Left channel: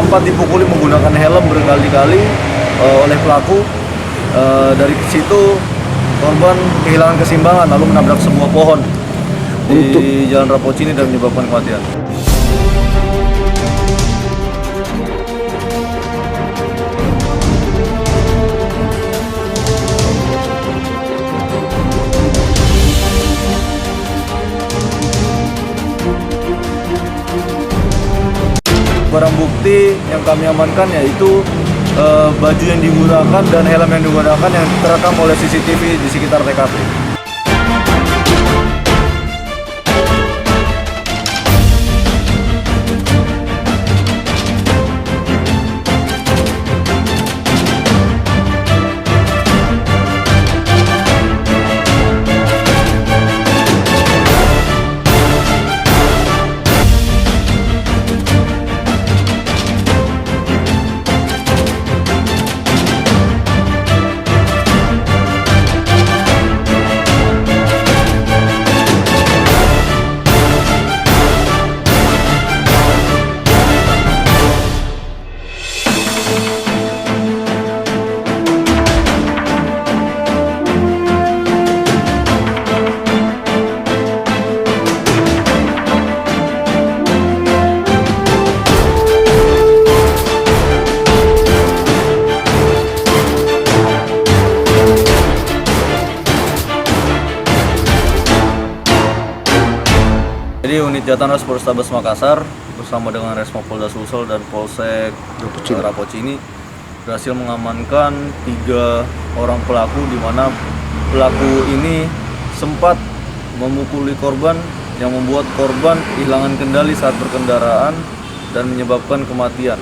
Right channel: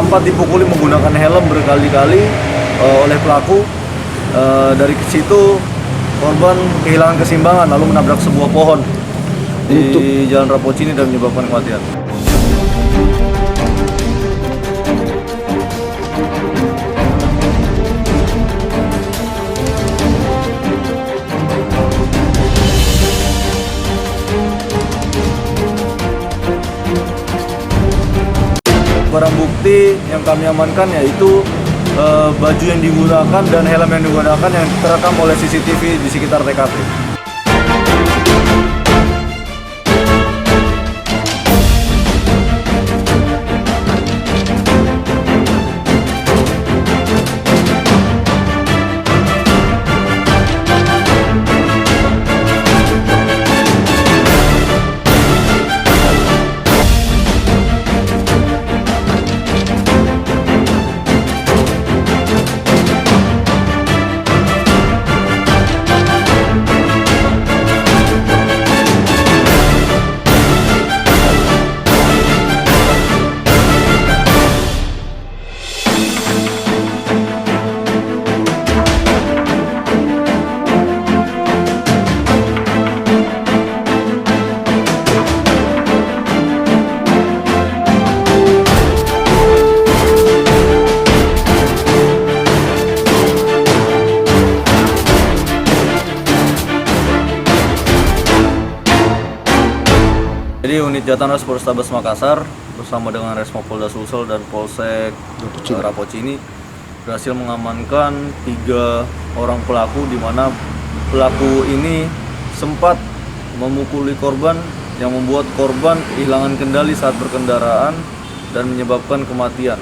sempat dipukuli menggunakan helm berkali-kali oleh pelaku. Dari situ korban kehilangan keseimbangan lalu menabrak sebuah pohon di Jalan Rapocini dan menyebabkan kematian. Barang bukti yang kami amankan yaitu baju yang digunakan dan helm yang digunakan yang terekam oleh CCTV di sekitar TKP. Jadi unit Jatanas Polrestabes Makassar bersama dengan Resmo Polda Sulsel dan Polsek Rapocini berhasil mengamankan 3 orang pelaku, di mana pelaku ini sempat memukuli korban yang membuat korban kehilangan kendali saat berkendaraan dan menyebabkan kematian.